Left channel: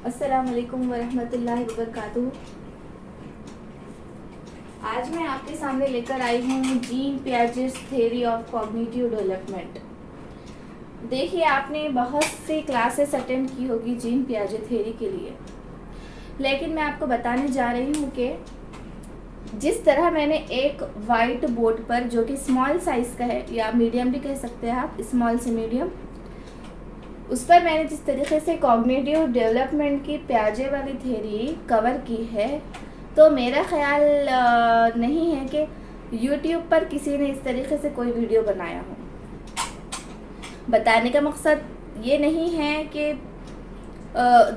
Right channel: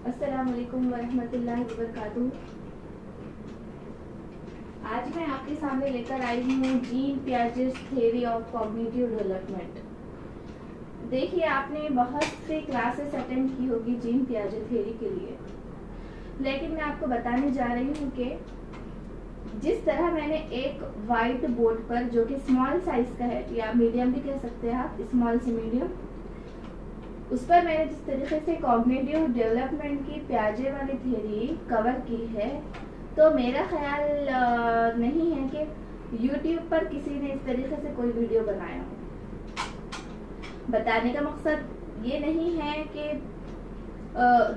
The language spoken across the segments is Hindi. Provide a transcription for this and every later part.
अस्सलामुअलैकुम वरहमतुल्लाहि वबरकातुहू। आज मैं आपके सामने लेकर आई हूँ Jean Piaget's theory of cognitive development. देखिए, आपने बहुत सी क्लासेस अटेंड की होगी जीन पियाजे थ्योरी के लिए, लेकिन मैं आपको बताने जा रही हूँ कि जिस तरह मैंने एक वाइट बोर्ड पर, जो कि स्मॉल साइज़ का है या मीडियम भी कह सकते हैं आप, स्मॉल से मीडियम, उस पर मैंने जिस तरीके से कॉग्निटिव डेवलपमेंट की पियाजे वाली थ्योरी कवर की है, तो मेरा ख्याल नहीं है कि YouTube पर किसी ने इस तरीके से कोई वीडियो बनाया हो। बताने का मकसद ये नहीं है कि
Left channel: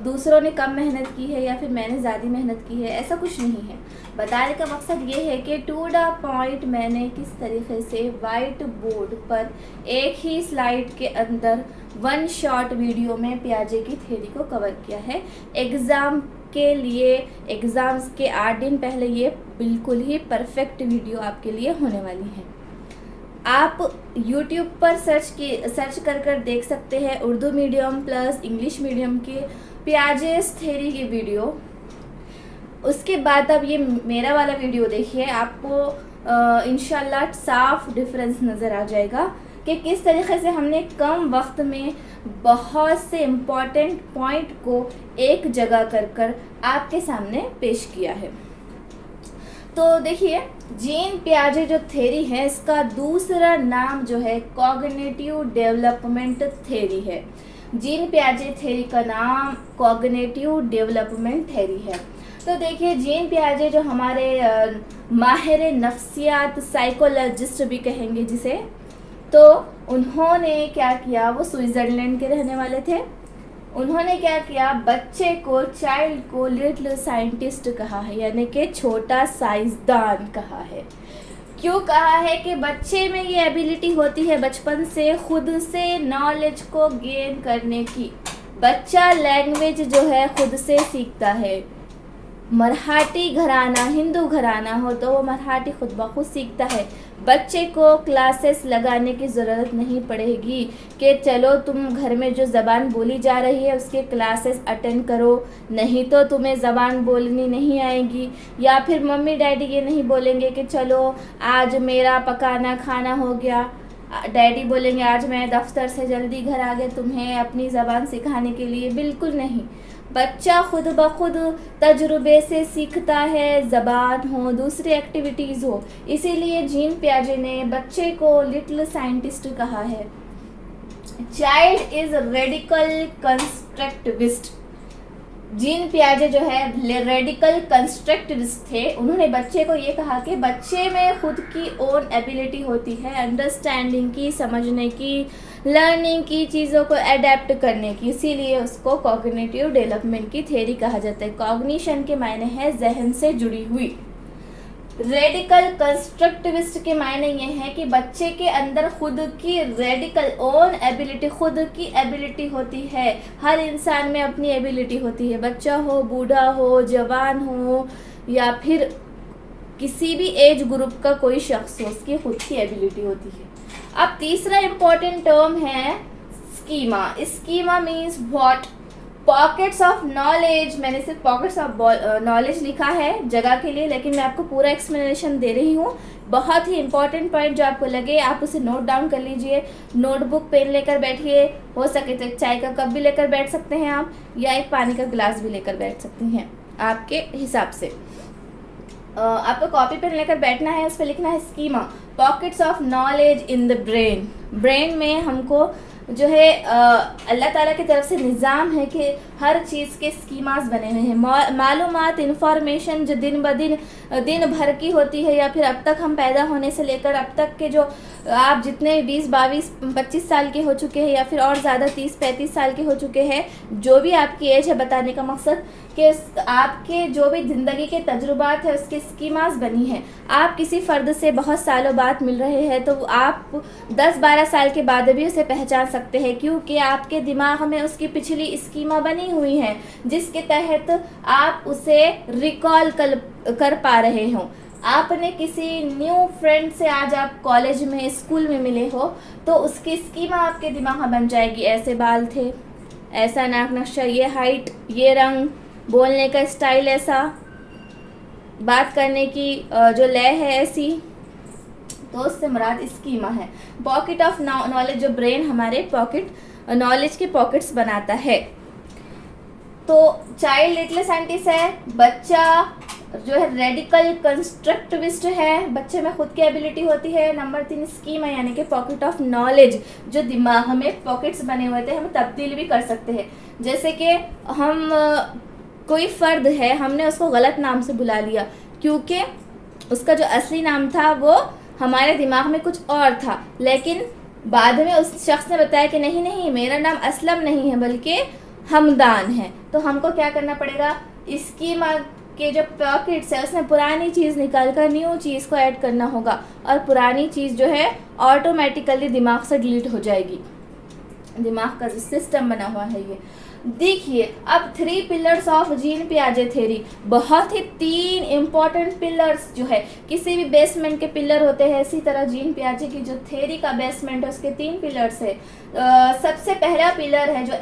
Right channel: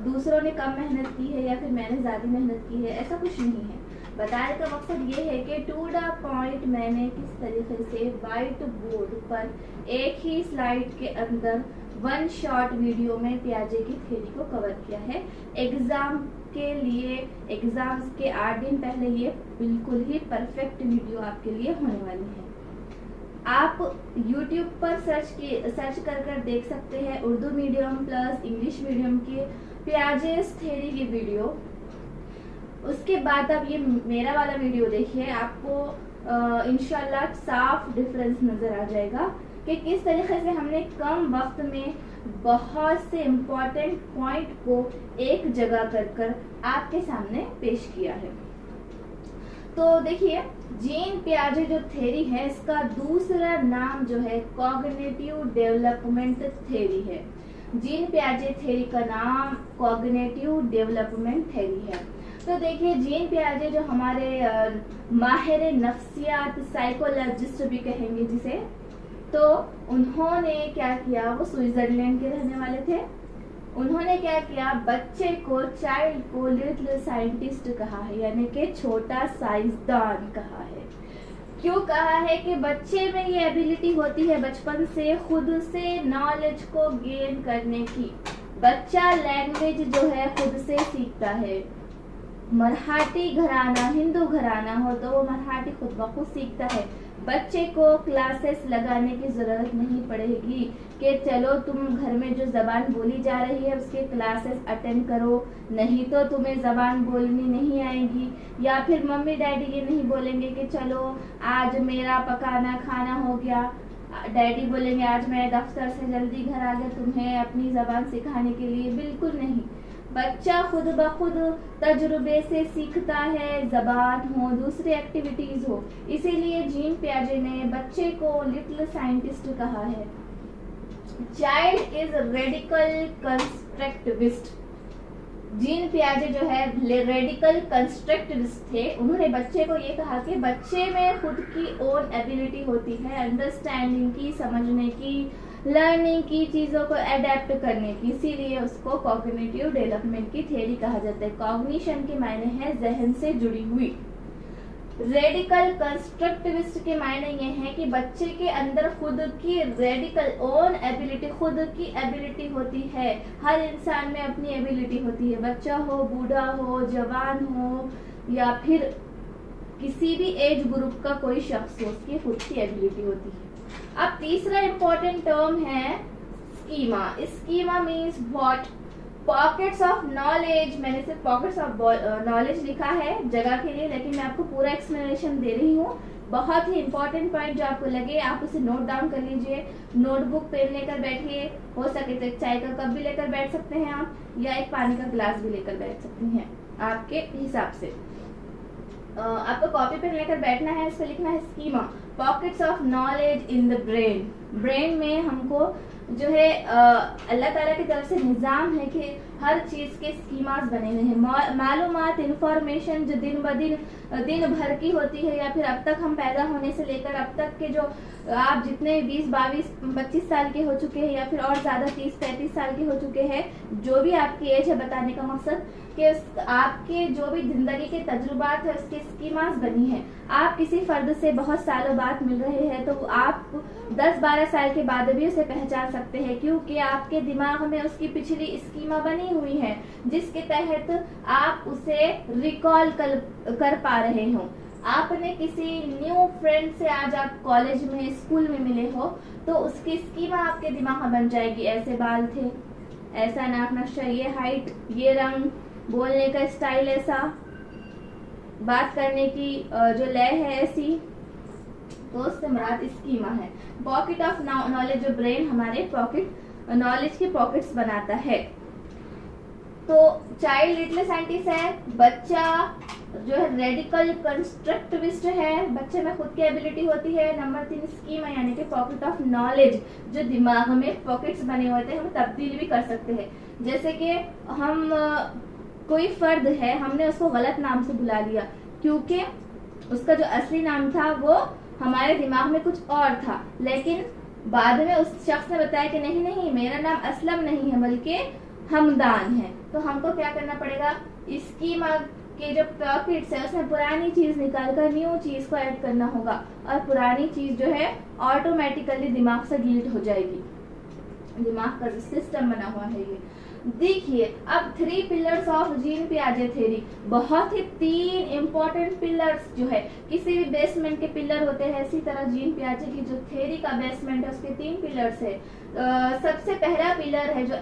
दूसरों ने कम मेहनत की है या फिर मैंने ज़्यादा मेहनत की है, ऐसा कुछ नहीं है। बताने का मकसद ये है कि टू द पॉइंट मैंने किस तरीके से वाइट बोर्ड पर एक ही स्लाइड के अंदर वन शॉट वीडियो में पियाजे की थ्योरी को कवर किया है। एग्ज़ाम के लिए, एग्ज़ाम्स के 8 दिन पहले ये बिल्कुल ही परफेक्ट वीडियो आपके लिए होने वाली है। आप YouTube पर सर्च कर देख सकते हैं Urdu medium plus English medium के पियाजे's थ्योरी की वीडियो। उसके बाद अब ये मेरा वाला वीडियो देखिए, आपको इंशाल्लाह साफ डिफरेंस नज़र आ जाएगा कि किस तरीके से हमने कम वक्त में बहुत से इम्पॉर्टेंट पॉइंट को एक जगह कर आपके सामने पेश किया है। तो देखिए, जीन पियाजे जो थ्योरी है, इसका दूसरा नाम जो है कॉग्निटिव डेवलपमेंट थ्योरी है। जीन पियाजे थ्योरी का नाम कॉग्निटिव डेवलपमेंट थ्योरी है। तो देखिए, जीन पियाजे जो हमारे माहिर नफ्सियात, साइकोलॉजिस्ट भी कहेंगे जिसे, तो उन्होंने क्या किया, वो स्विट्ज़रलैंड के रहने वाले थे। उन्होंने क्या किया, बच्चे को, चाइल्ड को लिटिल साइंटिस्ट कहा है, यानी कि छोटा साइंसदान कहा है। क्यों कहा है कि बच्चे में ये एबिलिटी होती है बचपन से खुद से नॉलेज को गेन करने की। बच्चा लैंग्वेज जो है खुद से सीखता है। मराठी घराना, हिंदू घराना हो तो वो मराठी खुद ब खुद सीखता है। बच्चे को क्लासेस लगाने की ज़रूरत नहीं पड़ेगी कि चलो तुम घर में जो ज़बान बोली जा रही है उसके क्लासेस अटेंड करो, नहीं तो तुम्हें ज़बान बोलनी नहीं आएगी। या फिर मम्मी डैडी ये नहीं बोलेंगे कि चलो आज मेरा पकाना खाना हो गया, डैडी बोलेंगे आज मैं दफ्तर से जल्दी घर आ गए तुम्हें अपनी ज़बान सिखाने के लिए। बिल्कुल नहीं, बच्चा खुद ब खुद तजुर्बे से सीखता है, ज़बान हो, दूसरी एक्टिविटीज़ हो। इसीलिए जीन पियाजे ने बच्चे को लिटिल साइंटिस्ट कहा है। Child is radical constructivist. Jean पियाजे जो है रेडिकल कंस्ट्रक्टिविस्ट थे। उन्होंने बच्चे को ये कहा कि बच्चे में खुद की ओन एबिलिटी होती है अंडरस्टैंडिंग की, समझने की, लर्निंग की, चीज़ों को अडेप्ट करने की। इसीलिए उसको कॉग्निटिव डेवलपमेंट की थ्योरी कहा जाता है। कॉग्निशन के मायने है जहन से जुड़ी हुई। रेडिकल कंस्ट्रक्टिविस्ट के मायने ये है कि बच्चे के अंदर खुद की रेडिकल ओन एबिलिटी, खुद की एबिलिटी होती है। हर इंसान में अपनी एबिलिटी होती है, बच्चा हो, बूढ़ा हो, जवान हो या फिर किसी भी एज ग्रुप का कोई शख्स हो, उसकी खुद की एबिलिटी होती है। अब तीसरा इम्पॉर्टेंट टर्म है schema. Schema means what? Pockets of knowledge. मैंने सिर्फ पॉकेट्स ऑफ नॉलेज लिखा है जगह के लिए, लेकिन मैं आपको पूरा एक्सप्लेनेशन दे रही हूँ। बहुत ही इंपॉर्टेंट पॉइंट जो आपको लगे आप उसे नोट डाउन कर लीजिए। नोटबुक पेन लेकर बैठिए, हो सके तो एक चाय का कप भी लेकर बैठ सकते हैं आप, या एक पानी का गिलास भी लेकर बैठ सकती हैं आपके हिसाब से। आपको कॉपी पेन लेकर बैठना है, उस पर लिखना है schema, pockets of knowledge in the brain. Brain में हमको जो है अल्लाह ताला की तरफ से निज़ाम है कि हर चीज़ के स्कीमास बने हुए हैं। मालूमात, इंफॉर्मेशन जो दिन भर की होती है, या फिर अब तक हम पैदा होने से लेकर अब तक के जो आप जितने 20, 22, 25 साल के हो चुके हैं या फिर और ज़्यादा 30, 35 साल के हो चुके हैं, जो भी आपकी एज है, बताने का मकसद कि आपके जो भी ज़िंदगी के तजुर्बात है उसके स्कीमास बनी हैं। आप किसी फ़र्द से बहुत सालों बाद मिल रहे हैं तो आप 10-12 साल के बाद भी उसे पहचान सकते हैं, क्योंकि आपके दिमाग में उसकी पिछली स्कीमा बनी हुई है जिसके तहत आप उसे रिकॉल कर पा रहे हों। आपने किसी न्यू फ्रेंड से आज आप कॉलेज में, स्कूल में मिले हो तो उसकी स्कीमा आपके दिमाग में बन जाएगी। ऐसे बाल थे, ऐसा नाक नक्शा, ये हाइट, ये रंग, बोलने का स्टाइल ऐसा, बात करने की जो लय है ऐसी। तो उससे मुराद स्कीमा है। पॉकेट ऑफ नॉलेज, जो ब्रेन हमारे पॉकेट नॉलेज के पॉकेट्स बनाता है। तो चाइल्ड लिटिल साइंटिस्ट है, बच्चा जो है रेडिकल कंस्ट्रक्टिविस्ट है, बच्चे में खुद की एबिलिटी होती है। नंबर 3 स्कीमा यानी कि पॉकेट ऑफ नॉलेज, जो दिमाग में पॉकेट्स बने हुए थे, हम तब्दील भी कर सकते हैं। जैसे कि हम कोई फर्द है, हमने उसको गलत नाम से बुला लिया क्योंकि उसका जो असली नाम था वो हमारे दिमाग में कुछ और था, लेकिन बाद में उस शख्स ने बताया कि नहीं नहीं, मेरा नाम असलम नहीं है बल्कि हमदान है। तो हमको क्या करना पड़ेगा, स्कीमा के जो पॉकेट्स है उसमें पुरानी चीज़ निकाल कर न्यू चीज़ को ऐड करना होगा और पुरानी चीज़ जो है ऑटोमेटिकली दिमाग से डिलीट हो जाएगी। दिमाग का जो सिस्टम बना हुआ है ये। देखिए अब 3 पिलर्स ऑफ जीन पियाजे थ्योरी, बहुत ही 3 इम्पोर्टेंट पिलर्स जो है, किसी भी बेसमेंट के पिलर होते हैं, इसी तरह जीन पियाजे की जो थ्योरी का बेसमेंट है उसके 3 पिलर्स है। सबसे पहला पिलर है जो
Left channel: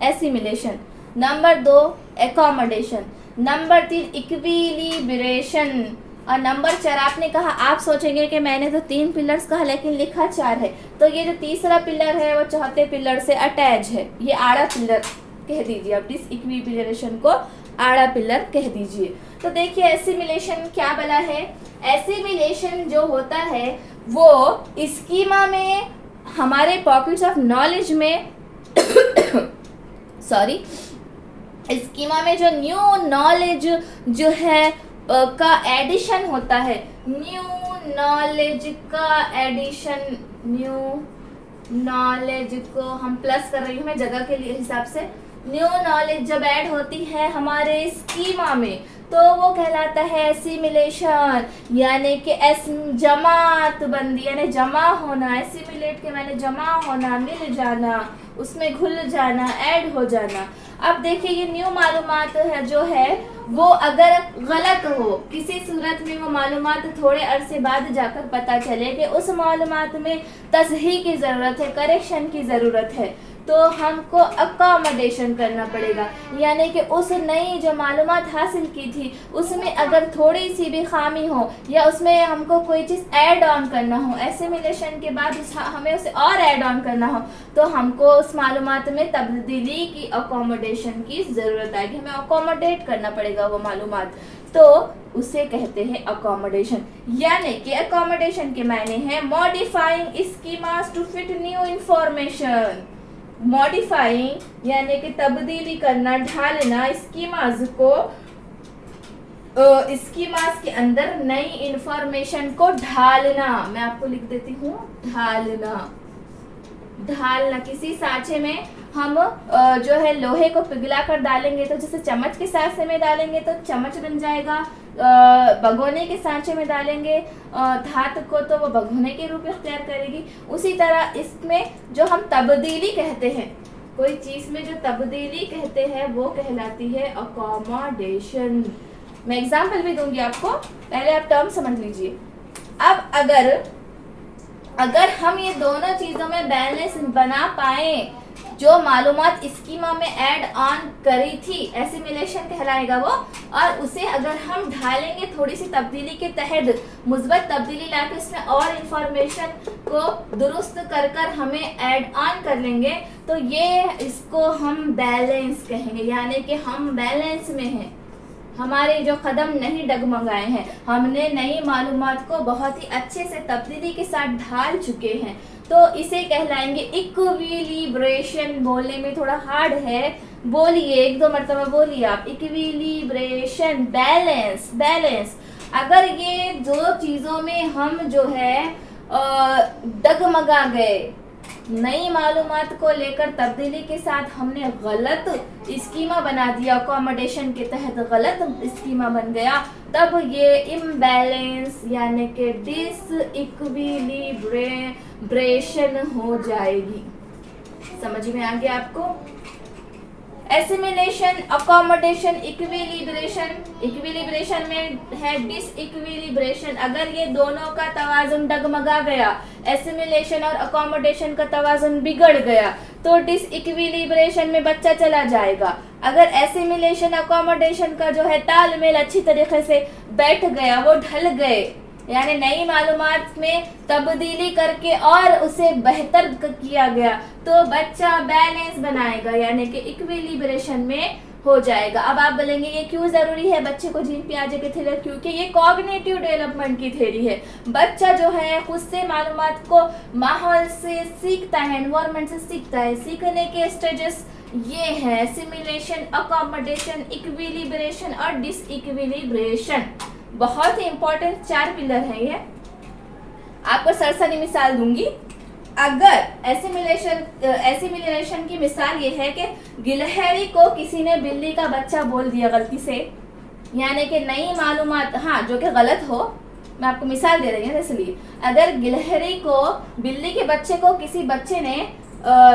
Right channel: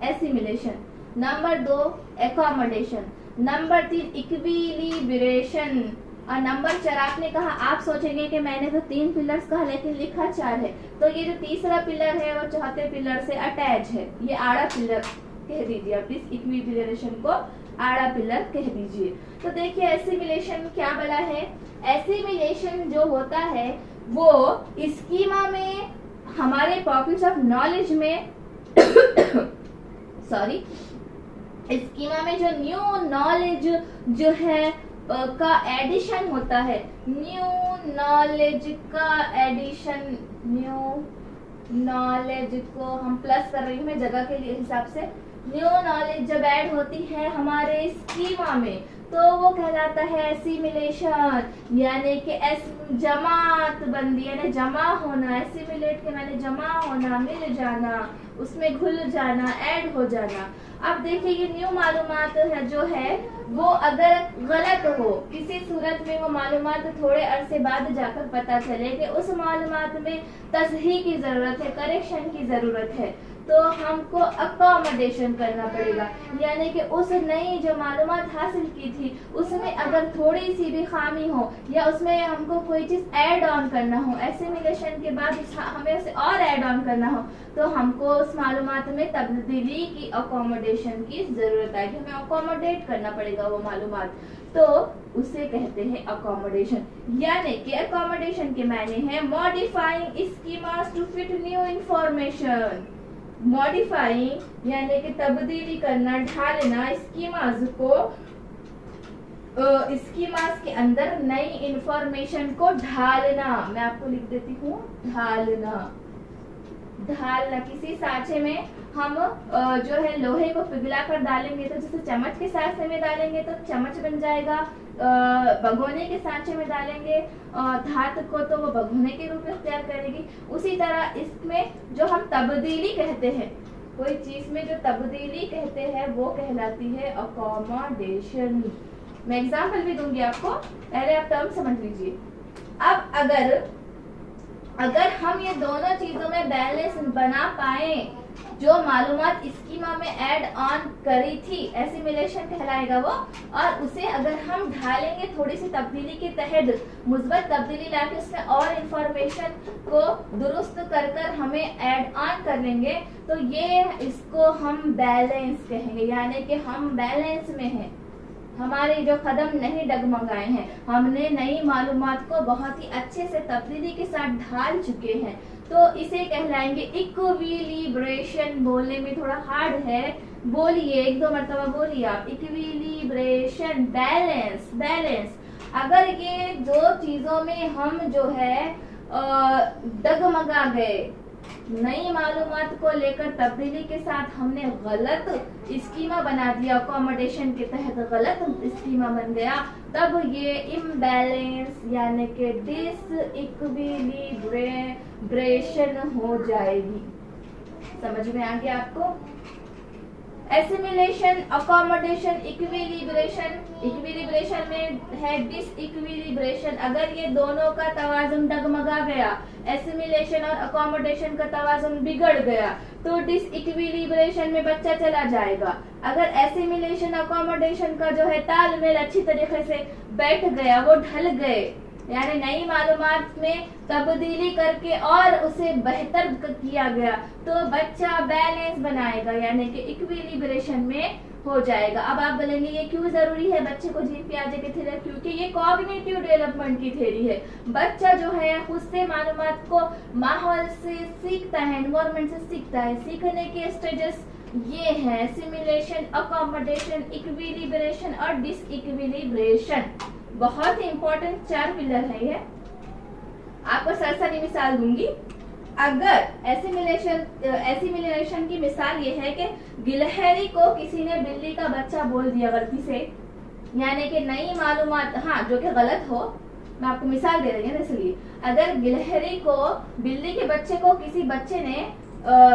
assimilation, number 2 accommodation, number 3 equilibration और नंबर 4 आपने कहा, आप सोचेंगे कि मैंने तो 3 पिलर्स कहा लेकिन लिखा 4 है, तो ये जो तीसरा पिलर है वो चौथे पिलर से अटैच है, ये आड़ा पिलर कह दीजिए। अब डिस इक्विलिब्रेशन को आड़ा पिलर कह दीजिए। तो देखिए एसिमिलेशन क्या बला है। एसिमिलेशन जो होता है वो स्कीमा में, हमारे पॉकेट्स ऑफ नॉलेज में सॉरी, स्कीमा में जो न्यू नॉलेज जो है का एडिशन होता है, न्यू नॉलेज का एडिशन, न्यू नॉलेज को हम प्लस कर रही हूँ मैं जगह के लिए हिसाब से। न्यू नॉलेज जब ऐड होती है हमारे स्कीमा में तो वो कहलाता है एसिमिलेशन, यानी कि जमात बंदी, यानी जमा होना। एसिमिलेट के मैंने जमा होना, मिल जाना, उसमें घुल जाना, ऐड हो जाना। अब देखिए ये न्यू मालूमात है जो है वो अगर गलत हो, किसी सूरत में वो मालूमात थोड़े अरसे बाद जाकर पता चले कि उस मालूमात में तसहीह की ज़रूरत है, करेक्शन की ज़रूरत है, तो हमको अकोमोडेशन करना पड़ेगा। यानी कि उस नई जो मालूमात हासिल की थी उसमें अगर थोड़ी सी भी खामी हो या उसमें हमको कोई चीज़ ऐड ऑन करना हो, एसिमिलेशन के बाद हमें उसे और ऐड ऑन करना हो, तो हमको उस मालूमात में तब्दीली की, अकोमोडेशन की ज़रूरत आएगी। हमें अकोमोडेट करना पड़ेगा वो मालूमात, तो उसे कहते हैं अकोमोडेशन। यानी कि अकोमोडेशन के मायने हैं modifying schemas to fit new information. Modifying यानी कि तब्दीली करना, ढालना, स्कीमास को, स्कीमास के अंदर नई इंफॉर्मेशन को ढालना। मैं आपको लिख देती हूँ, ढालना। किसी सांचे में हम जो है लोहे को पिघला कर डालेंगे तो जैसे चम्मच के सांचे में डालेंगे तो चम्मच बन जाएगा, भगोने के सांचे में डालेंगे धातु को तो वो भगोने के रूप में इख्तियार करेगी। उसी तरह इसमें जो हम तब्दीली कहते हैं, कोई चीज में जो तब्दीली कहते हैं वो कहलाती है अकोमोडेशन। मैं एग्जाम्पल भी दूंगी आपको, पहले आप टर्म समझ लीजिए। अब अगर हम ये दोनों चीजों में बैलेंस बना पाए, जो मालूमात स्कीमा में ऐड ऑन करी थी एसिमिलेशन कहलाएगा वो, और उसे अगर हम ढालेंगे थोड़ी सी तब्दीली के तहत, मुस्बत तब्दीली लाके इसमें और इंफॉर्मेशन को दुरुस्त कर हमें ऐड ऑन कर लेंगे, तो ये इसको हम बैलेंस कहेंगे। यानी कि हम बैलेंस में हैं, हमारे जो कदम नहीं डगमगाए हैं, हमने नई मालूमात को बहुत ही अच्छे से तब्दीली के साथ ढाल चुके हैं, तो इसे कहलाएंगे इक्विलिब्रेशन। बोलने में थोड़ा हार्ड है, बोलिए, 1-2 मरतबा बोलिए आप, इक्विलिब्रेशन, बैलेंस। अगर ये दो चीजों में हम जो है डगमगा गए, नई मालूमात को लेकर तब्दीली के साथ हमने गलत स्कीमा बना दिया, अकोमोडेशन के तहत गलत स्कीमा बन गया, तब ये इम्बैलेंस यानी कि डिस इक्विलिब्रेशन हो जाएगी। समझ में आ गया आपको? Assimilation, accommodation, equilibration. इक्विलिब्रेशन में है डिसइक्विलिब्रेशन, अगर ये दोनों का तवाजुन डगमगा गया, एसिमिलेशन और अकोमोडेशन का तवाजुन बिगड़ गया, तो डिसइक्विलिब्रेशन में बच्चा चला जाएगा। अगर एसिमिलेशन, अकोमोडेशन का जो है तालमेल अच्छी तरीके से बैठ गया, वो ढल गए, यानी नई मालूमात में तब्दीली करके और उसे बेहतर किया गया, तो बच्चा बैलेंस बनाएगा, यानी कि इक्विलिब्रेशन में हो जाएगा। अब आप बोलेंगे ये क्यों जरूरी है बच्चे को जीन पियाजे की थ्योरी? क्योंकि ये कॉग्निटिव डेवलपमेंट की थ्योरी है। बच्चा जो है खुद से मालूमात को माहौल से सीखता है, एनवायरनमेंट से सीखता है। सीखने के स्टेजेस ये हैं सिमुलेशन, अकोमोडेशन, इक्विलिब्रेशन और डिसइक्विलिब्रेशन। बहुत ही इंपॉर्टेंट 4 पिलर है ये। आपको सरसरी मिसाल दूंगी। अगर एसिमिलेशन की मिसाल ये है कि गिलहरी को किसी ने बिल्ली का बच्चा बोल दिया गलती से, यानी कि नई मालूमात, हाँ जो कि गलत हो, मैं आपको मिसाल दे रही हूँ इसलिए। अगर गिलहरी को, बिल्ली के बच्चे को किसी बच्चे ने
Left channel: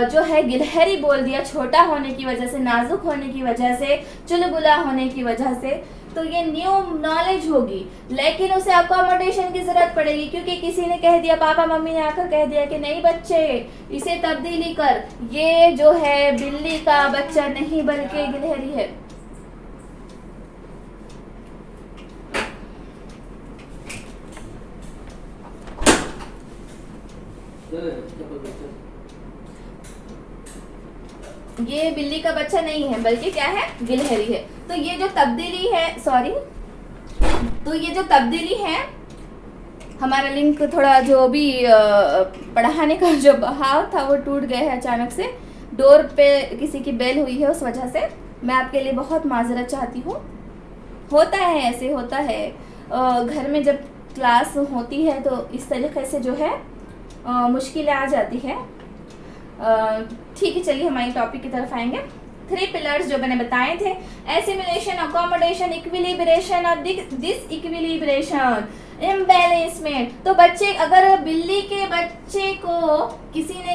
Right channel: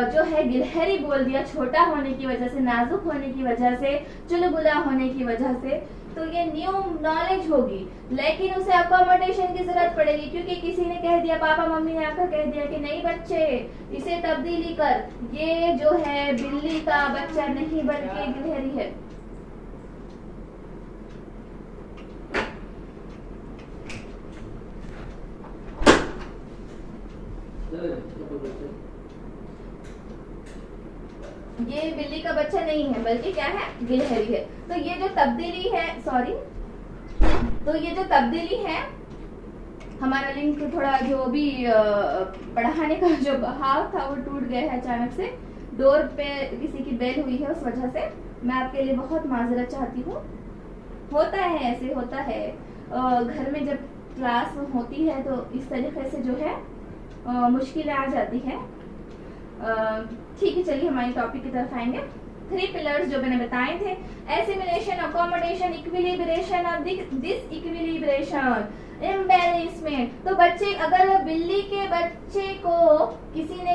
जो है गिलहरी बोल दिया, छोटा होने की वजह से, नाजुक होने की वजह से, चुलबुला होने की वजह से, तो ये न्यू नॉलेज होगी। लेकिन उसे अकोमोडेशन की जरूरत पड़ेगी, क्योंकि किसी ने कह दिया, पापा मम्मी ने आकर कह दिया कि नहीं बच्चे इसे तब्दीली कर, ये जो है बिल्ली का बच्चा नहीं बल्कि गिलहरी है। ये बिल्ली का बच्चा नहीं है बल्कि क्या है, गिलहरी है। तो ये जो तब्दीली है, तो ये जो तब्दीली है, हमारा लिंक थोड़ा जो भी पढ़ाने का जो बहाव था वो टूट गया है अचानक से। डोर पे किसी की बेल हुई है, उस वजह से मैं आपके लिए बहुत माजरत चाहती हूँ। होता है, ऐसे होता है, घर में जब क्लास होती है तो इस तरीके से जो है मुश्किलें आ जाती है। ठीक है, चलिए हमारे टॉपिक की तरफ आएंगे। 3 पिलर्स जो मैंने बताए थे, एसिमिलेशन, अकोमोडेशन, इक्विलिब्रेशन और डिसइक्विलिब्रेशन, इम्बैलेंसमेंट। तो बच्चे, अगर बिल्ली के बच्चे को किसी ने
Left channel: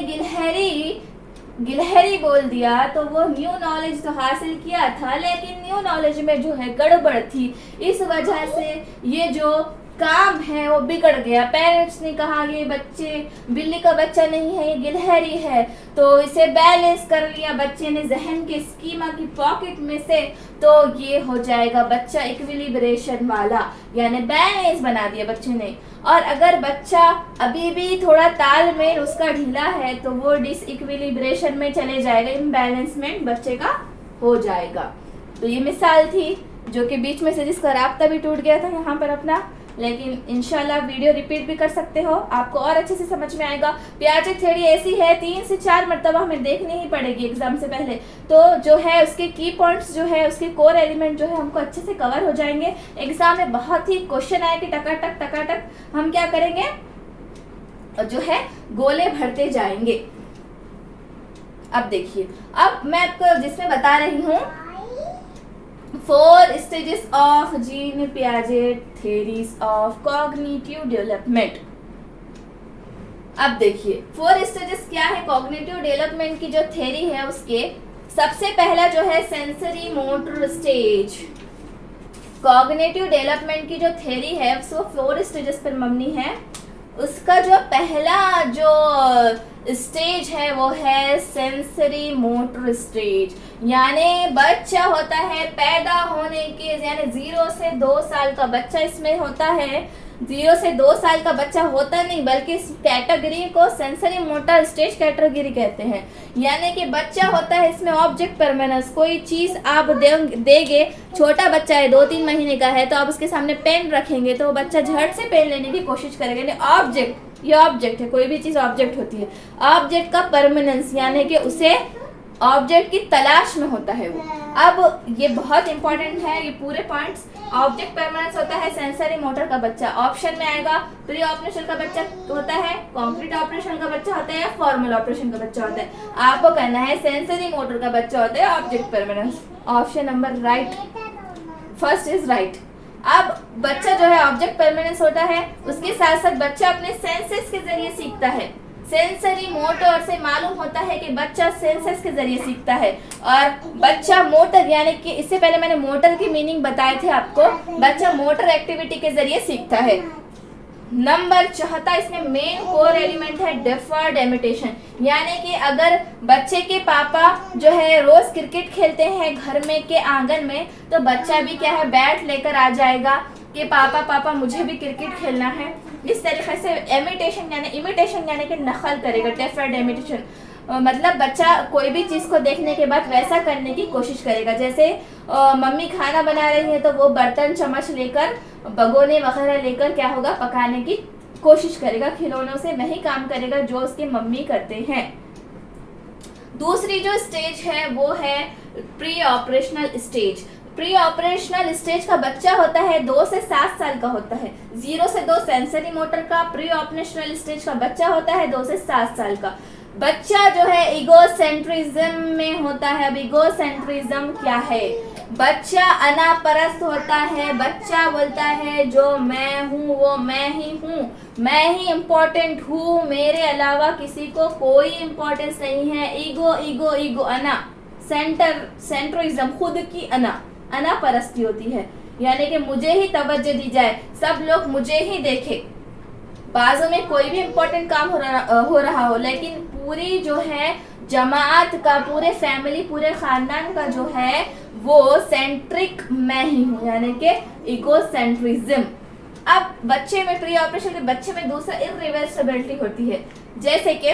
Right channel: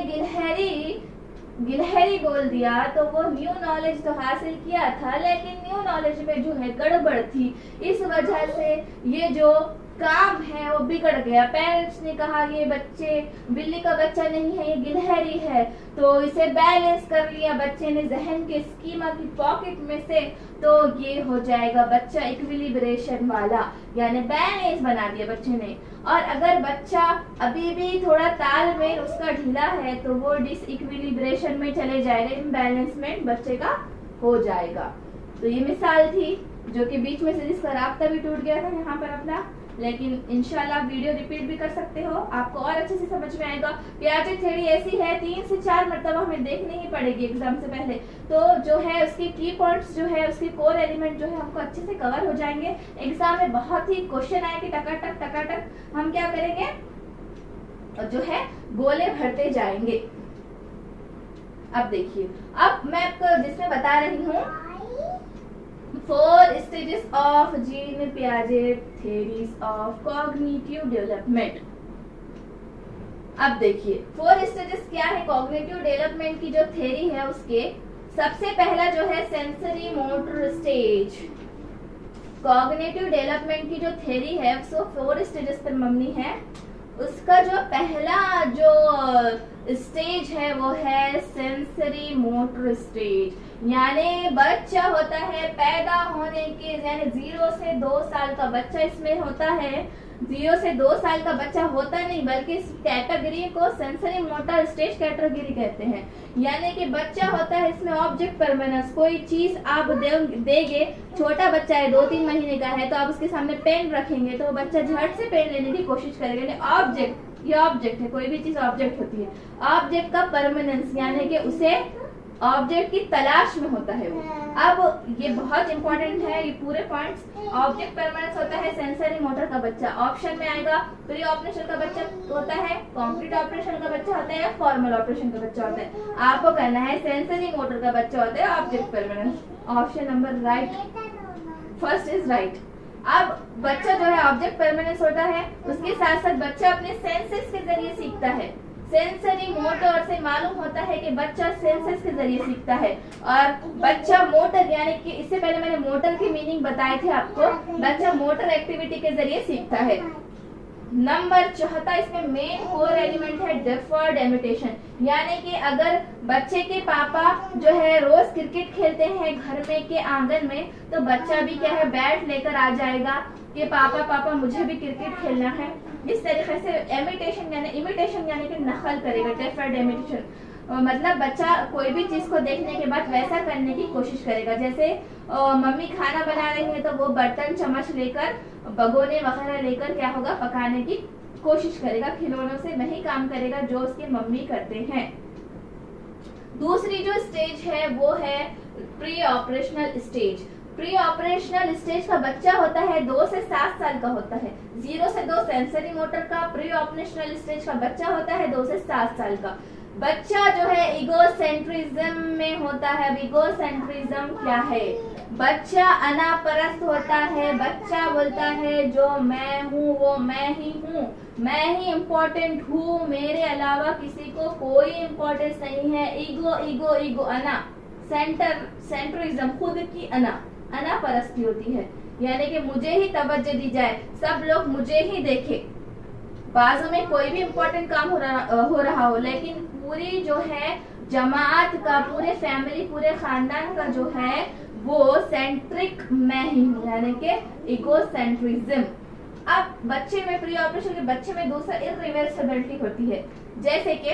गिलहरी बोल दिया तो वो न्यू नॉलेज तो हासिल किया था, लेकिन न्यू नॉलेज में जो है गड़बड़ थी, इस वजह से ये जो काम है वो बिगड़ गया। पेरेंट्स ने कहा ये बच्चे, बिल्ली का बच्चा नहीं है, ये गिलहरी है, तो इसे बैलेंस कर लिया बच्चे ने जहन के स्कीमा की पॉकेट में से, तो ये हो जाएगा बच्चा इक्विलिब्रेशन वाला, यानी बैलेंस बना दिया बच्चे ने। और अगर बच्चा अभी भी थोड़ा तालमेल उसका ढीला है तो वो डिसइक्विलिब्रेशन में चले जाएगा, इम्बैलेंसमेंट बच्चे का हो जाएगा। तो ये मिसाल थी जो कि बीच में से जिसका राब्ता भी टूट गया था यहाँ पर अपना, लेकिन इंशाल्लाह वीडियो रिपीट भी कर सकते हो, आपको और अच्छे से समझ में आएगा। पियाजे थ्योरी ऐसी है 3 से 4 मरतबा हमें देखनी ही पड़ेगी एग्जाम से पहले, तो जो है उसके की पॉइंट्स जो है, उसके कोर एलिमेंट जो है हमको अच्छे से कवर हो जाएंगे। एग्जाम में बहुत ही क्वेश्चन आए कि टकाटक हम क्या करेंगे, जो है गोले भरते जाएंगे। अब देखिए, अब मैं आपको जिसमें बता रही हूँ 4 stages of Jean Piaget theories of cognitive development। अब देखिए 4 stages क्या है कॉग्निटिव डेवलपमेंट की जो थ्योरी है उसके। सबसे पहला जो है sensory motor stage. Cognitive development की जो थ्योरी है वो 4 स्टेजेस पर मबनी है। उसका जो पहला जो स्टेज है वो है सेंसरी मोटर स्टेज, यानी बच्चा होता है पैदा होने के, यानी 0 से 2 साल का बच्चा इसमें होता है। 0 से 2 साल का बच्चा होता नहीं, बल्कि इस कैटेगरी को सेंसरी मोटर स्टेज कैटेगरी कहते हैं। यानी कि बच्चा होता है इसमें ऑब्जेक्ट परमानेंस, कोई चीज आप देंगे, छोटा बच्चा है 2-3 महीने का है, तो आप उसके सामने पेन रखेंगे तो बच्चा झट से पेन लेने की कोशिश करेगा। ऑब्जेक्ट, ये ऑब्जेक्ट है, कोई भी चीज ऑब्जेक्ट होती है। ऑब्जेक्ट का परमानेंस यानी कि उसे ऑब्जेक्ट की तलाश में होता है वो। अब ये बहुत इंपॉर्टेंट है ये पूरे पॉइंट्स। ऑब्जेक्ट परमानेंस होता है सेंसरी मोटर का बच्चा, ऑप्शन में आएगा। प्री ऑपरेशन का बच्चा होता है, कॉन्क्रीट ऑपरेशन का बच्चा होता है, या फॉर्मल ऑपरेशन का बच्चा होता है। आपको कहना है सेंसरी मोटर का बच्चा होता है object permanence. Option number right, first is right. अब बच्चा जो है ऑब्जेक्ट परमानेंस होता है, उसके साथ साथ बच्चा अपने सेंसेस के जरिए सीखता है। सेंसरी मोटर से मालूम होता है कि बच्चा सेंसस के जरिए सीखता है, और बच्चा मोटर यानी कि इससे पहले मैंने मोटर की मीनिंग बताए थे आपको, बच्चा मोटर एक्टिविटी के जरिए सीखता है। नंबर चौथा, इसमें मेन कोर एलिमेंट है डिफर्ड इमिटेशन, यानी कि अगर बच्चे के पापा जो है रोज क्रिकेट खेलते हैं घर में के आंगन में, तो बच्चा भी क्या है बैट लेकर आ जाएगा कि पापा पापा मुझे भी क्रिकेट खेलना है। इस तरीके से इमिटेशन यानी कि नकल करेगा। डिफर्ड इमिटेशन मतलब बच्चा कोई भी चीज को देखने के बाद वैसा करने की कोशिश करेगा। जैसे मम्मी खाना बना रही है तो वो बर्तन चम्मच लेकर भगोने वगैरह लेकर क्या होगा पकाने की कोशिश करेगा। खिलौनों से वही काम करेगा जो उसके मम्मी करते हैं। दूसरी जो स्टेज है वो है pre operational stage. Pre operational stage का बच्चा होता है 2 से 7 साल का होता है। 0 से 2 सेंसरी मोटर का, प्री ऑपरेशनल स्टेज का बच्चा होता है 2 से 7 साल का। बच्चा जो है इगोसेंट्रिज्म में होता है। अब इगोसेंट्रिज्म क्या है? बच्चा अनापरस्त होता है। बच्चा बोलता है जो मैं हूँ वो मैं ही हूँ, मैं ही इम्पोर्टेंट हूँ, मेरे अलावा किसी को कोई इम्पोर्टेंस नहीं है। ईगो ईगो ईगो अना सेंट्रिज्म, खुद की अनापरस्ती होती है, यानी कि मुझे ही तवज्जो दी जाए, सब लोग मुझे ही देखे। बाजू में कोई भी इम्पोर्टेंट काम हो रहा हो लेकिन पूरी जो है जमात का, पूरे फैमिली, पूरे खानदान का जो है वो सेंट्रिक मैं ही हूँ, यानी कि इगोसेंट्रिज्म। अब बच्चे में प्री ऑपरेशन के बच्चे में दूसरा इरिवर्सिबिलिटी होती है। जैसे कि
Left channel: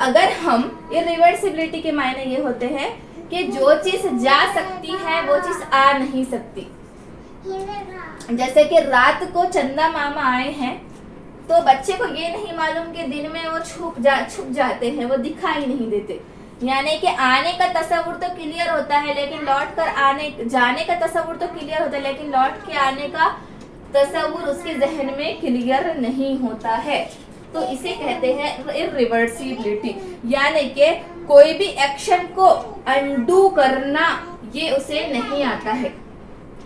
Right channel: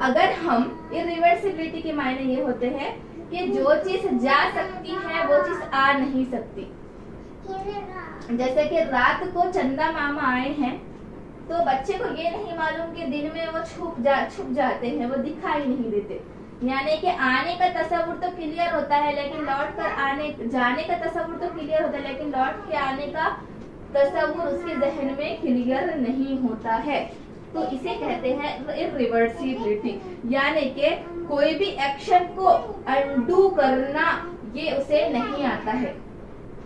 अगर हम इरिवर्सिबिलिटी के मायने ये होते हैं कि जो चीज जा सकती है वो चीज आ नहीं सकती। जैसे कि रात को चंदा मामा आए हैं तो बच्चे को ये नहीं मालूम कि दिन में वो छुप जाते हैं, वो दिखाई नहीं देते। यानी कि आने का तस्वुर तो क्लियर होता है लेकिन लौट कर जाने का तस्वुर तो क्लियर होता है लेकिन लौट के आने का तस्वुर उसके जहन में क्लियर नहीं होता है। तो इसे कहते हैं इरिवर्सिबिलिटी, यानी कि कोई भी एक्शन को अनडू करना ये उसे नहीं आता है।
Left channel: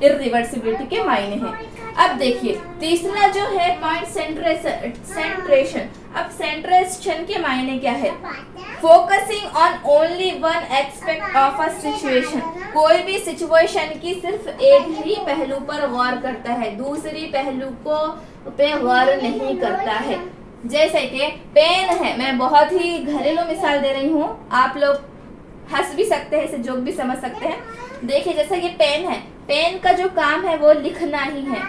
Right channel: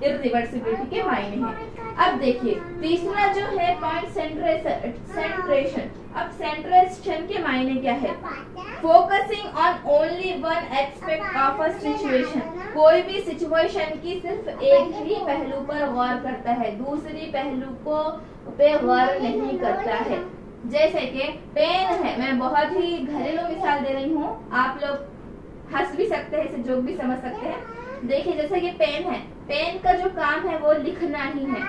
इरिवर्सिबिलिटी के मायने हैं। अब देखिए तीसरा जो है पॉइंट सेंट्रेशन। अब सेंट्रेशन के मायने क्या है? Focusing on only one aspect of a situation. कोई भी सिचुएशन की सिर्फ एक ही पहलू पर गौर करता है, दूसरी पहलू को पे गौर नहीं करता है। जैसे कि पेन है, मैं बहुत ही घरेलू मिसाल दे रही हूँ, आप लोग हंस भी सकते हैं, इसे जोक भी समझ सकते हैं। देखिए जैसे कि पेन है, पेन का जो काम है वो लिखना ही है।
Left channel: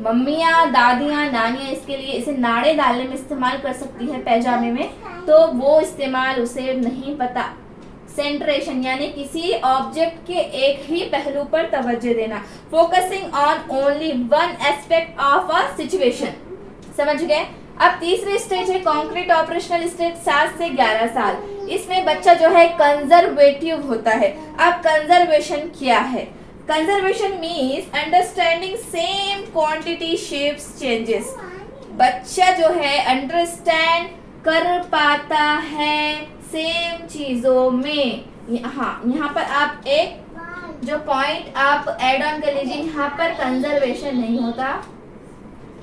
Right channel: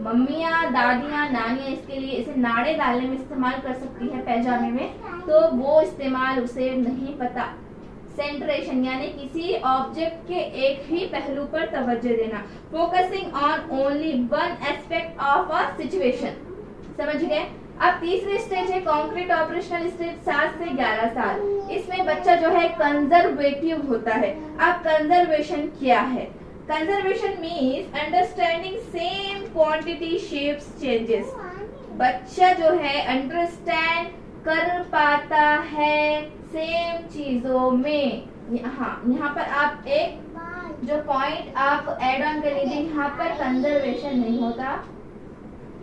मम्मियाँ, दादियाँ, नानियाँ इसके लिए इसे नाड़े डालने में इस्तेमाल कर सकती है पैजामे में, तो वो इस्तेमाल उसे नहीं पता। सेंट्रेशन यानी किसी ऑब्जेक्ट के एक ही पहलू पर तवज्जो देना। Focusing on only one aspect of a situation. समझ गए? अब तीसरी स्टेज है कॉन्क्रीट ऑपरेशनल स्टेज, 7 से 11 साल। इसमें बच्चा जो है कंजर्वेटिव होता है। अब कंजर्वेशन क्या है? Conservation means understanding same quantity shapes changes. बच्चा जो है अंडरस्टैंड कर पाता है सेम चीजों में। यहाँ पर आप एक जो पॉइंट आप ऐड ऑन कर लीजिए, यहाँ पर कंजर्वेशन नहीं होता,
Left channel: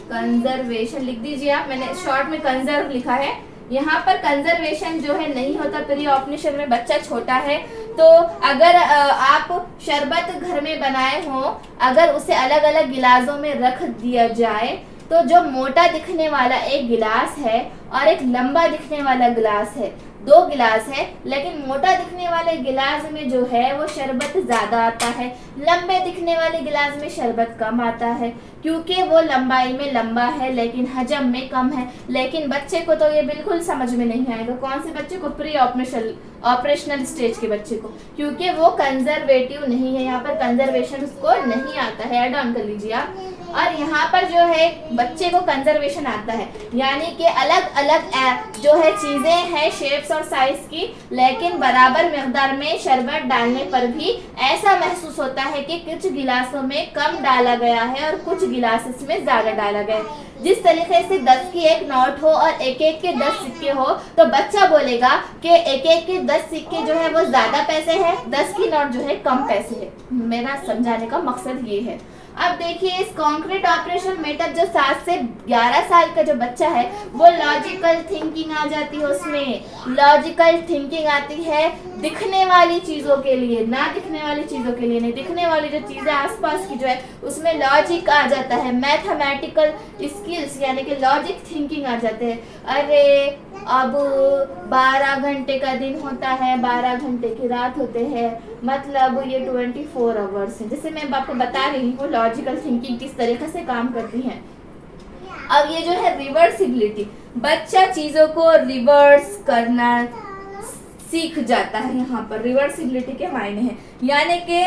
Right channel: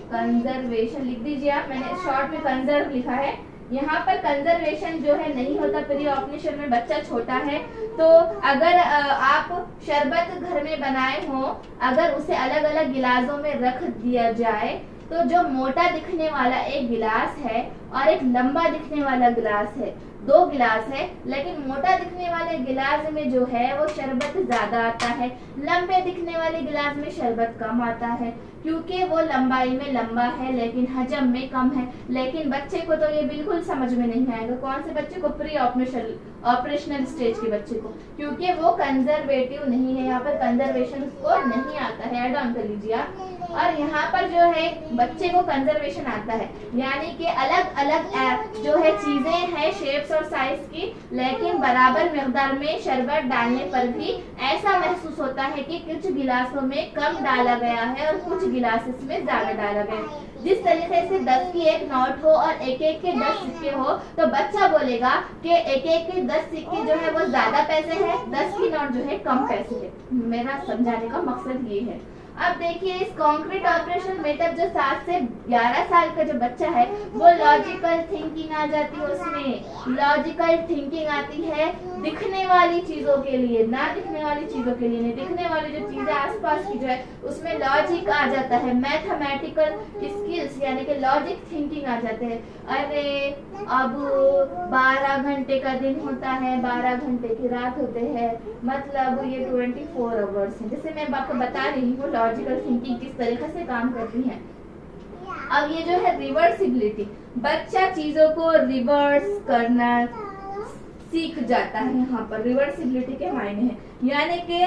कंजर्वेशन लिख दीजिए आप, मैंने शॉर्ट में कंजर्व लिखा है। यहाँ पर कंजर्वेशन जो है नहीं होता प्री ऑपरेशन में। बच्चा छोटा है तो अगर आप शरबत घर में बनाए हो, अगर उसे अलग अलग गिलासों में रख दिया जाए तो जो मोटा दिखने वाला एक गिलास है और एक लंबा दिखने वाला गिलास है, 2 गिलास है, लेकिन मोटा दिखने वाले गिलास में जो है वो शरबत ज्यादा आता है, लंबे दिखने वाले गिलास में शरबत कम आता है, क्योंकि वो लंबाई में लंबा है लेकिन हजम में कम है। लेकिन बच्चे को तो ये बिल्कुल समझ में नहीं आएगा। कौन से बच्चे को? प्री ऑपरेशनल स्टेज के बच्चे को, क्योंकि वो कंजर्वेटिव नहीं है। यहाँ पर कंजर्वेशन उसको नहीं आता है, ऐड ऑन कर लीजिए आप। और यहाँ पर जो है बच्चे को कंजर्वेशन आता है, यानी कि अलग अलग जो है चीजें हैं शेप्स और साइज की, लेकिन बराबर मिकदार में शरबत डालने पर भी ऐसा महसूस होता है कि कुछ गिलासों में कम डाला गया है और कुछ गिलासेस में ज्यादा डाला गया है। जिस तरीके से 10 की एक नोट हो और एक एक के 10 सिक्के हो तो बच्चा बोलेगा कि एक एक के 10 सिक्के जो है वो ज्यादा पैसे है, 10 की नोट जो है कम पैसे है। मेरा समझाने का मकसद ये है। अब देखिए इस कॉन्क्रीट ऑपरेशन मेथड जो 7 से 11 साल का जो बच्चा है वो लॉजिकल थिंकिंग आ जाती है, उसमें लॉजिकल थिंकिंग आती है दिखने वाली चीजों के लिए, ना दिखने वाली चीजों के लिए नहीं, दिखने वाली जो चीजें आसपास की जो है उसमें लॉजिक आ जाता है, मैथमेटिकल स्किल्स यानी कि लॉजिक थिंकिंग आ जाते हैं। अरे अब 12 घंटे का दिन होता है, 12 घंटे की रात होते हैं, मतलब ये 24 आवर्स है। जैसे मैं आपको बता रही हूँ लॉजिकल थिंकिंग किस तरीके से काम करती है। अब ये जो है रिवर्सिबिलिटी, बच्चा चीजों को रिवर्स करना सीख जाता है। यहाँ पर रिवर्सिबिलिटी के मायने हैं यानी कि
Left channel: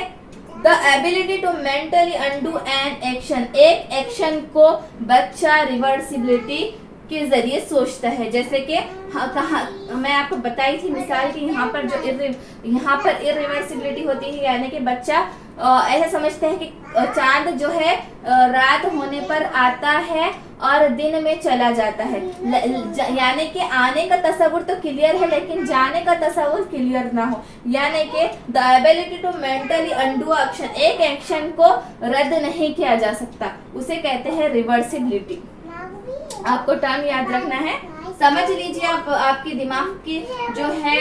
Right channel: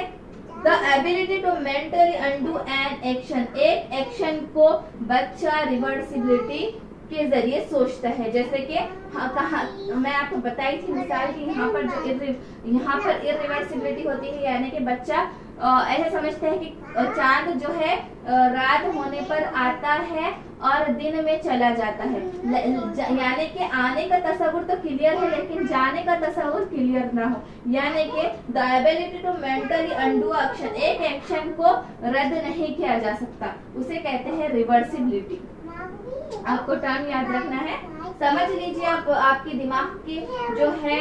the ability to mentally undo an action, एक एक्शन को बच्चा रिवर्सिबिलिटी के जरिए सोचता है। जैसे कि मैं आपको बताई थी मिसाल कि यहाँ पर इरिवर्सिबिलिटी होती है यानी कि बच्चा ऐसा समझता है कि चांद जो है रात होने पर आता है और दिन में चला जाता है, यानी कि आने का तस्वुर तो क्लियर है लेकिन जाने का तस्वुर क्लियर ना हो, यानी कि the ability to mentally undo action, एक एक्शन को रद्द नहीं किया जा सकता, उसे कहते हैं रिवर्सिबिलिटी। आपको टर्म याद रखना है, समझ लीजिए आप आपके दिमाग की जो है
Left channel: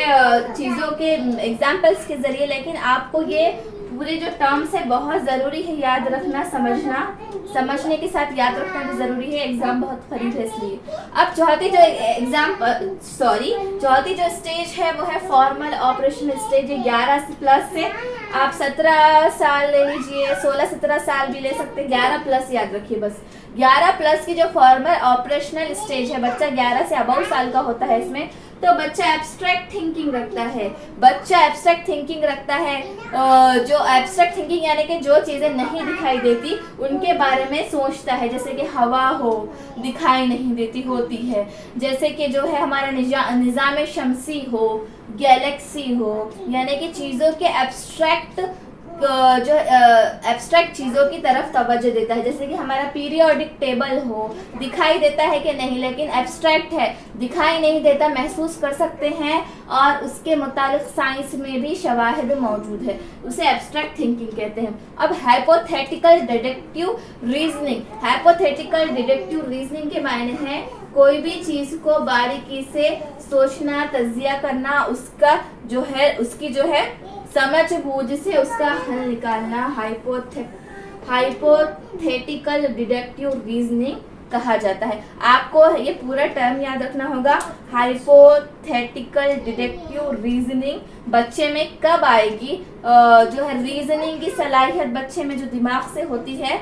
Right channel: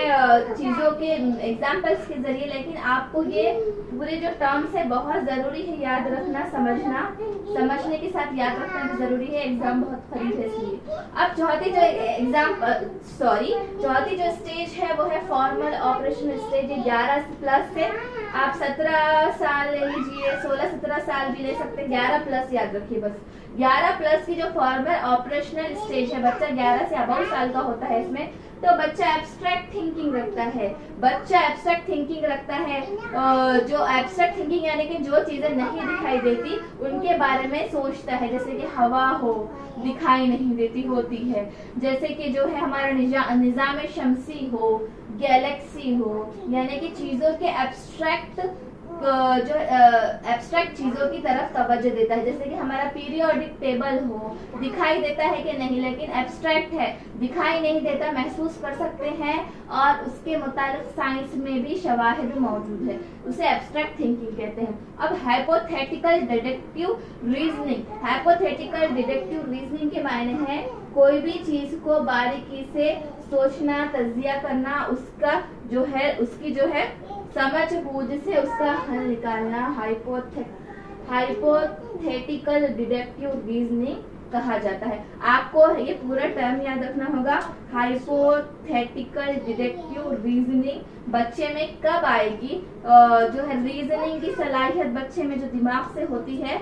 चीजों के एग्जाम्पल्स के जरिए, लेकिन आपको ये पूरे जो टर्म्स है बहुत जरूरी है याद रखना, समझना, समझने के साथ याद रखना भी जरूरी है, एग्जाम बहुत करीब है इसलिए। अब चौथी जो स्टेज है वो है फॉर्मल ऑपरेशनल स्टेज। 11 प्लस से आप 17 साल ले लीजिए, 16-17 साल भी ले सकते हैं, 11 प्लस याद रखिए बस। 11 प्लस की जो फॉर्मल ऑपरेशनल स्टेज है, बच्चा 11 से अबव साल का होता है इसमें, तो बच्चा एब्स्ट्रैक्ट थिंकिंग रखता है। बच्चा एब्स्ट्रैक्ट थिंकिंग रखता है, जो एब्स्ट्रैक्ट थिंकिंग यानी कि जो चीजें नहीं दिखाई देती उनके बारे में सोचता है, जैसे कि हवा हो दिखाई नहीं देती होती है, जैसे कि जो है हमारा निजाम शमसी हो, गैलेक्सी हो, यानी कि चीजों के एब्स्ट्रैक्ट जो एब्स्ट्रैक्ट चीजों की तरफ तवज्जो देता है, जैसे कि हमारा पीरियोडिक टेबल हो, दिखाई देता है कि नहीं लेकिन एब्स्ट्रैक्ट है, दिखाई नहीं देता, महसूस कर सकते हैं और उसके मुताबिक साइंस में भी शवाहिद मौजूद है, उसे एब्स्ट्रैक्ट थिंकिंग कहते हैं। अब hypothetical deductive reasoning, hypothetical deductive reasoning के मायने हैं कोई भी चीज को बारीकी से सोचना, तज्जिया करना, उसका जो है उसकी जो है समझ बूझ से उसका हल निकालना, हाइपोथेटिकल डिडक्टिव रीजनिंग कहा जाता है। आपको ये पूरा टर्म याद रखना होगा, हाइपोथेटिकल डिडक्टिव रीजनिंग बच्चे में कब आएगी, जो है रीजनिंग की सलाहियत बच्चे में जो दिमाग से होती है,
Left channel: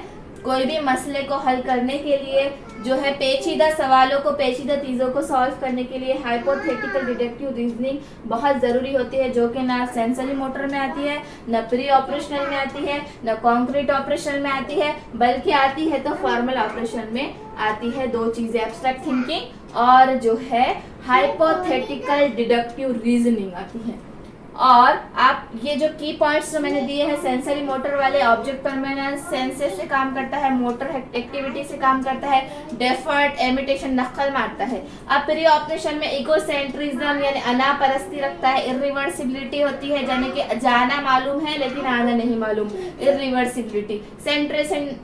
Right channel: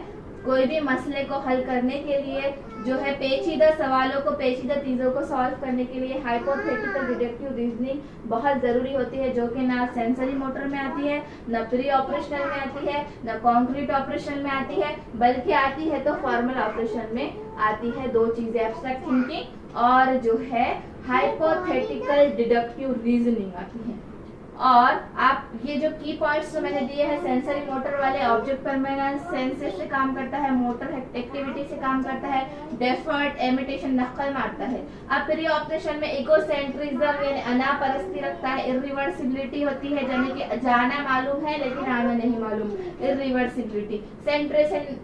कोई भी मसले को हल करने के लिए, जो है पेचीदा सवालों को, पेचीदा चीज़ों को सॉल्व करने के लिए हाइपोथेटिकल डिडक्टिव रीजनिंग बहुत ज़रूरी होती है, जो कि ना सेंसरी मोटर में आती है, ना प्री ऑपरेशनल में आती है, ना कॉन्क्रीट ऑपरेशन में आती है, बल्कि आती है तो फॉर्मल ऑपरेशन में आती है। दो चीज़ें, एब्स्ट्रैक्ट थिंकिंग और जो है हाइपोथेटिकल डिडक्टिव रीजनिंग आती है। और आप ये जो की पॉइंट्स जो मैंने दिए हैं, सेंसरी मोटर वाले, ऑब्जेक्ट परमानेंस सेंसेस से काम करता है, मोटर एक्टिविटी से काम करता है, डेफर्ट इमिटेशन नकल मारता है। अब प्री ऑपरेशन में इगोसेंट्रिज्म यानी अनापरस्ती रखता है, इरिवर्सिबिलिटी होती है यानी कि जाना मालूम है लेकिन आना नहीं मालूम, इरिवर्सिबिलिटी।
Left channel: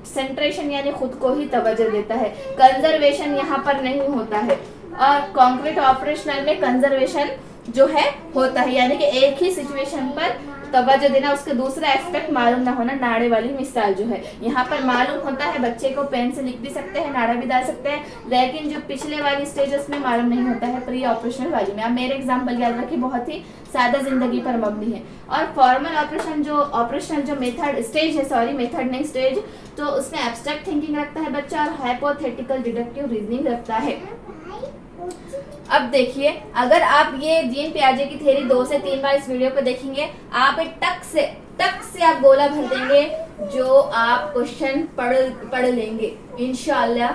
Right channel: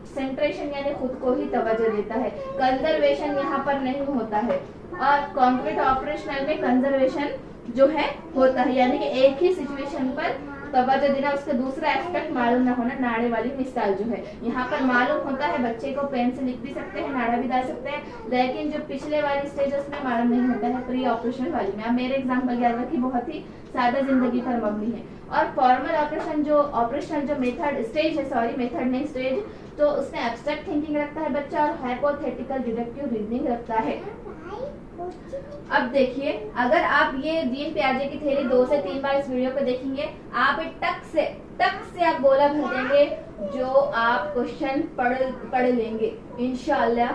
सेंट्रेशन यानी खुद को ही तवज्जो देता है, कंजर्वेशन यहाँ पर नहीं होता है। और कॉन्क्रीट ऑपरेशनल में कंजर्वेशन जो है होता है, यानी कि एक ही सिचुएशन पर तवज्जो देना, उसका दूसरा एस्पेक्ट मालूम ना होना। नाड़े वाली मिसाल जो है यहाँ पर मालूम होता है, बच्चे को पेन से लिख भी सकते हैं, नाड़ा भी डाल सकते हैं, लेकिन जो पिछले वाली स्टेज उसमें मालूम नहीं होता है, प्री ऑपरेशनल वाली में। आप मेरे एग्जाम्पल याद रखिए, बहुत ही सादा जिंदगी पर मबनी है। और फॉर्मल ऑपरेशनल जो मेथड स्टेज है, सॉरी मेथड नहीं स्टेज, तो उसमें एब्स्ट्रैक्ट थिंकिंग रखता है बच्चा और हाइपोथेटिकल डिडक्टिव रीजनिंग रखता है। अब देखिए, अगर आप ये जीन पियाजे की थ्योरी 2 से 3 बार इस वीडियो को देखेंगे, आप एक टक से आप गोला भर देंगे, जो आप क्वेश्चन पढ़ लेंगे इंशाअल्लाह।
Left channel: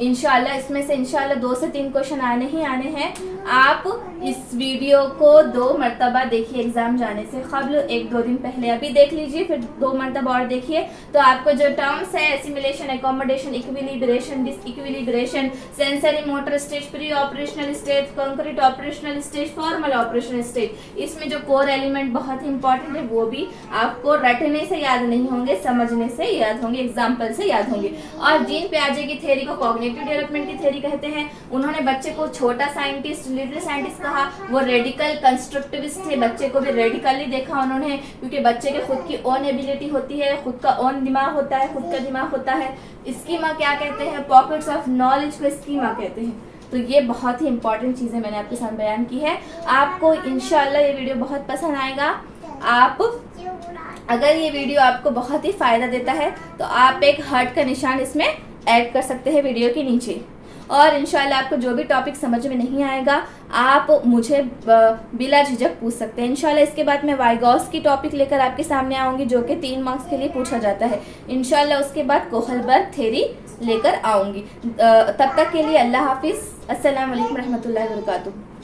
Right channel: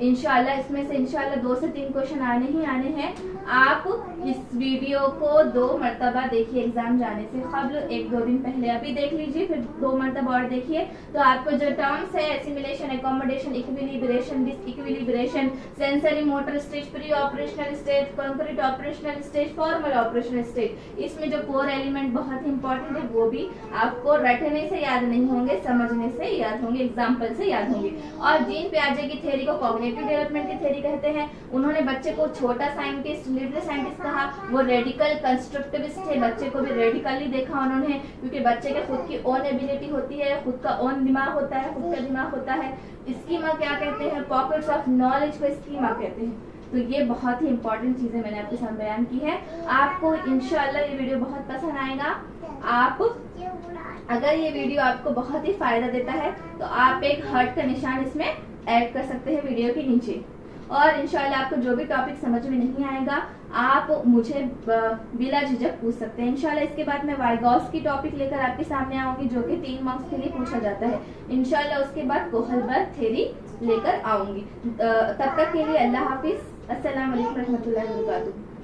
इंशाल्लाह इसमें से इंशाल्लाह 2 से 3 क्वेश्चन आने ही आने हैं। आप इस वीडियो को 2 मरतबा देखिए एग्जाम जाने से कबल, 1-2 दिन पहले अभी देख लीजिए, फिर 2 मरतबा और देखिए। तो आपको जो टर्म्स है assimilation, accommodation, equilibration, disequilibration, sensory motor stage, pre operational stage, concrete operational stage, formal operational stage, इसमें जो कोर एलिमेंट बहुत ही इंपॉर्टेंट है वो भी आपको रटने से याद नहीं होंगे, समझने से याद होंगे, एग्जाम्पल से याद होंगे। और जीन पियाजे की थ्योरी को कॉग्निटिव डेवलपमेंट की थ्योरी कहते हैं। उन्होंने बच्चे को छोटा साइंटिस्ट, लिटिल साइंटिस्ट कहा। वो रेडिकल कंस्ट्रक्टिविस्ट थे, बच्चे को भी रेडिकली देखा उन्होंने, क्योंकि बच्चे के खुद की ओन एबिलिटी होती है, खुद का ओन दिमाग होता है, खुद का दिमाग होता है। स्कीमा क्या कहते हैं? पॉकेट्स ऑफ नॉलेज को स्कीमा कहते हैं। तो ये बहुत ही इंपॉर्टेंट चीजें मैंने आपके साथ बयान की है। आपको इंशाल्लाह ये वीडियो बहुत पसंद आएगा। आप अगर ये वीडियो आपको बहुत ही फायदा देता है तो आप एक हार्ट का निशान इसमें ऐड कर सकते हैं वीडियो के नीचे। और इंशाल्लाह आपको जो भी टॉपिक समझ में नहीं आएगा आप मुझे बिला झिझक पूछ सकते हैं। इंशाल्लाह इसके बाद मैं वाइगॉस की टॉपिक लेकर आपके सामने आऊंगी, जो कि 3 मार्क्स के लिए पूछा जाता है। इंशाल्लाह उसके बाद कोहलबर्ग थ्योरी लेकर आऊंगी। तब तक के लिए अल्लाह हाफिज। अस्सलाम वालेकुम रहमतुल्लाहि व बरकातुहू।